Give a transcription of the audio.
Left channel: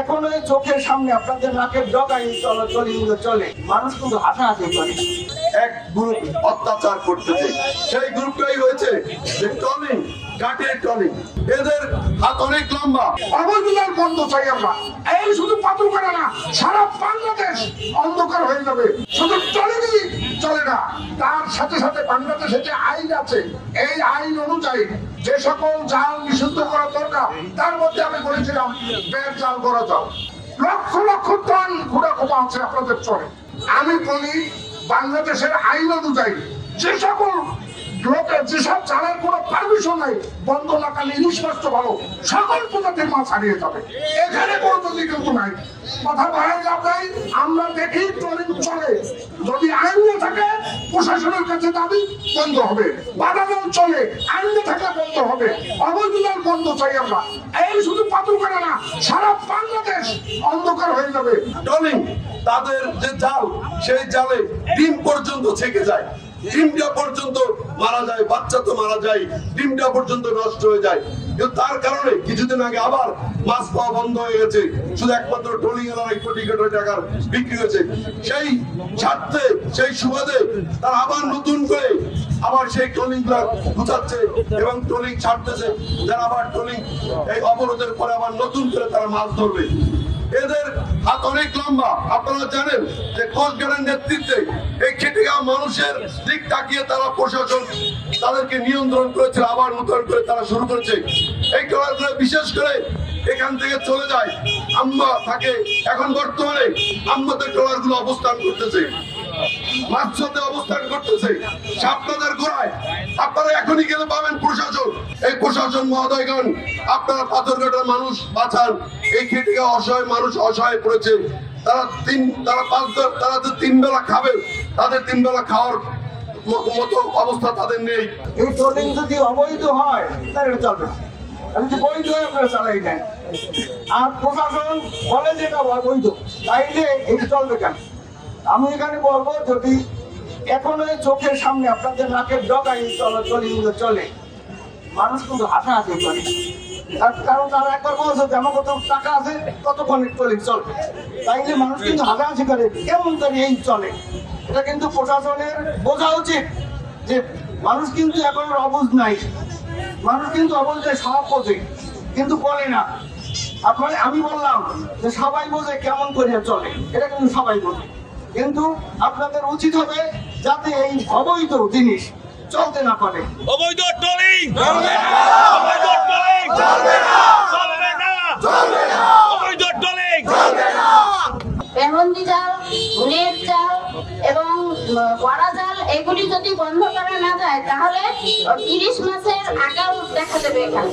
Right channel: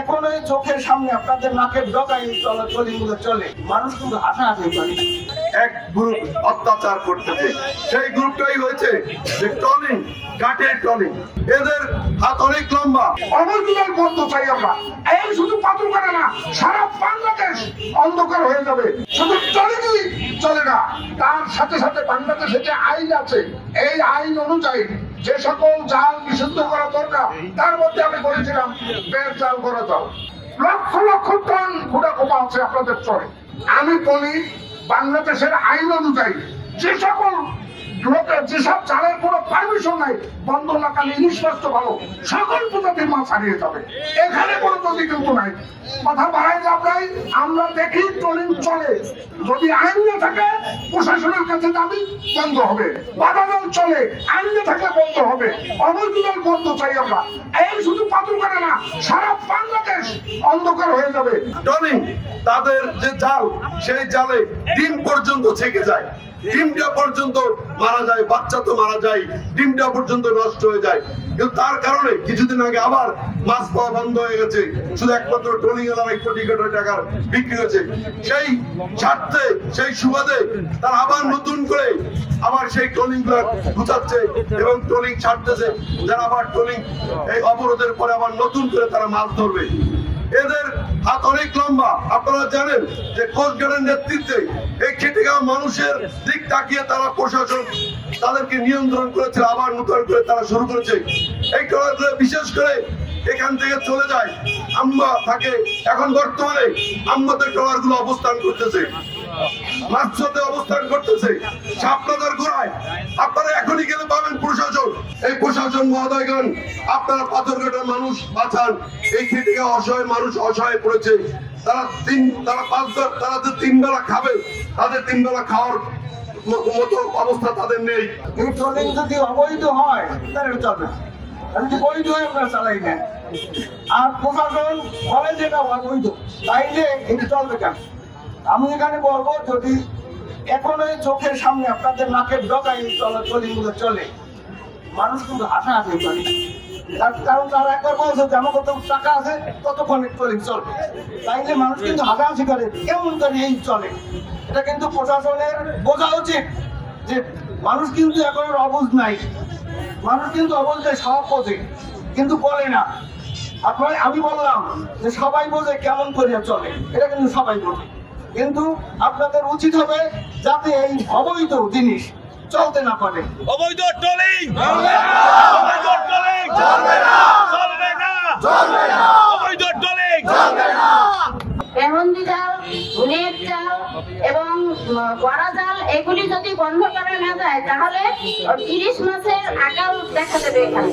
এখন ওই চোখের সামনে আপনাদের নাকের ডগায় চলে চলে মানুষ কিন্তু হাসাহাসি করে। এক গ্রুপ অত্যাচার করতেছে, সেই গ্রুপটাই হয়েছে যে ট্রলিং, কাঠের ট্রলিং। এদের হাত অনেক লম্বা। অবৈধতার বন্ধ চাই আমরা। এই শুধু পাথরঘাটা না, সারা বাংলাদেশ অন্ধকার হয়ে যাবে। শুধু ট্রলিংই চলে না, তার সাথে সাথে বাংলাদেশে যে আইন আছে, এই আইন অনুযায়ী যে সকল জাল নিষিদ্ধ করা দরকার, তার মধ্যে আমি বলেছিলাম বের জাল করা যাও। লক্ষ লক্ষ টন ঘোড়া কোপা আছে আপনাদের চরে। আমি বলি বাংলাদেশের আইন অনুযায়ী যে সকল লোকের যেসব জালের কোনো পারমিশন নাই, বন্ধ লাগালে ইলিশ মাছ তো ভালো, সকল প্রজাতির মাছ হারিয়ে যাবে। এখানে কোনো নদী কিন্তু নাই। কথা বাড়াই লাভ নাই। আমরা দেখি ট্রলিং চলে, যদি আইন না থাকে প্রশাসনের কাছে দাবি বন্ধ হবে। বাধাদান চলে, আইন না থাকলে বন্ধ হবে। অবৈধতার বন্ধ চাই আমরা। এই শুধু পাথরঘাটা না, সারা বাংলাদেশ অন্ধকার হয়ে যাবে। ট্রলিং, তাদের যে জাল, সেই জালে ডিম পর্যন্ত ছেকে যায়, ডিমটা পর্যন্ত মারা যায়, বাচ্চা তো মারা যায়, ডিমটা পর্যন্ত নষ্ট হয়ে যায়। কিন্তু তার কারণে কিছুদিন আগে আবার মাছ পাওয়া বন্ধ হয়ে গেছে, শুধু একমাত্র ট্রলিং এলাকায় কোটি কোটি টাকার বিক্রি হয়েছে। সেই স্বার্থে, সেই সুবাদে তারা আবার নতুন করে আবার সেই ট্রলিং গুলা গুছাচ্ছে এবং ট্রলিং ছাড়তেছে, যারা আবার ট্রলিং এই অবরোধের পরে আবার নতুন করে তারা মাছ ধরবে। এদের হাত অনেক লম্বা। আপনারা জানেন যে কোস্টগার্ডের নেতৃত্বে এই খেটে খাওয়া মানুষের দিক তাকিয়ে তারা প্রশাসন তাদেরকে নিয়ন্ত্রণ করেছে, আবার নতুন করে তারা শুরু করেছে। এই ট্রলারগুলো বিশেষ করে এখান থেকে চলে যায়, আম্মা থাকে। এখন বর্তমানে আম্মাদের ট্রলারগুলো অবস্থান করতেছে, মাছতে অবস্থান করতেছে, সাপনাদার গোড়ায়। আপনারা এখনই গেলে পাবেন প্রশাসন। এই প্রশাসন মহোদয়গণ, আপনারা পাথরঘাটার মানুষ বাঁচান। এই খেটে খাওয়া অসহায় মানুষ অসহায় পড়েছে। তারা যে 3 বেলা খাবে, তাদের 3 বেলা খাওয়ার মতো অবস্থা তাদের নেই। এই ট্রলিং যদি অবৈধ হয় তাহলে এটা চলবে না, যদি বৈধ হয় আপনারা চালাই নেন। আর প্রশাসন বলে যেটা অবৈধ, তাইলে এটা চলবে কেন? আমি এখানে বলবো, যদি এখন ওই চোখের সামনে আপনাদের নাকের ডগায় চলে মানুষ কিন্তু হাসাহাসি করে। কারণ তারা একবার বলছে যে আমার কত টাকা আছে, ততক্ষণ ট্রলিং চলবে, তাইলে মানুষ কিন্তু হাসাহাসি করে। কেমন করে এই চলে? এটা কিন্তু প্রশাসনের বোঝা উচিত যে মানুষ কিন্তু এখন অবুঝ নাই, মানুষ কিন্তু অবুঝে সব বোঝে কিন্তু বলে না। আমি বললাম যে সবাই বোঝে কেমন করে চলে, এটা কিন্তু সবাই বোঝে। কিন্তু আপনাদের উচিত হবে যাতে এই অবৈধ জিনিস চলতে না পারে। অবৈধ ট্রলিং চলবে না, অবৈধ ট্রলিং চলবে না, চলবে না, চলবে না, অবৈধ ট্রলিং চলবে না। পেহন্দি জাল, নেট জাল এবং বড়া জাল, এগুলি যদি বন্ধ করা না যায় তাহলে ইলিশ মাছের আকাল দেখা দেবে এখানে।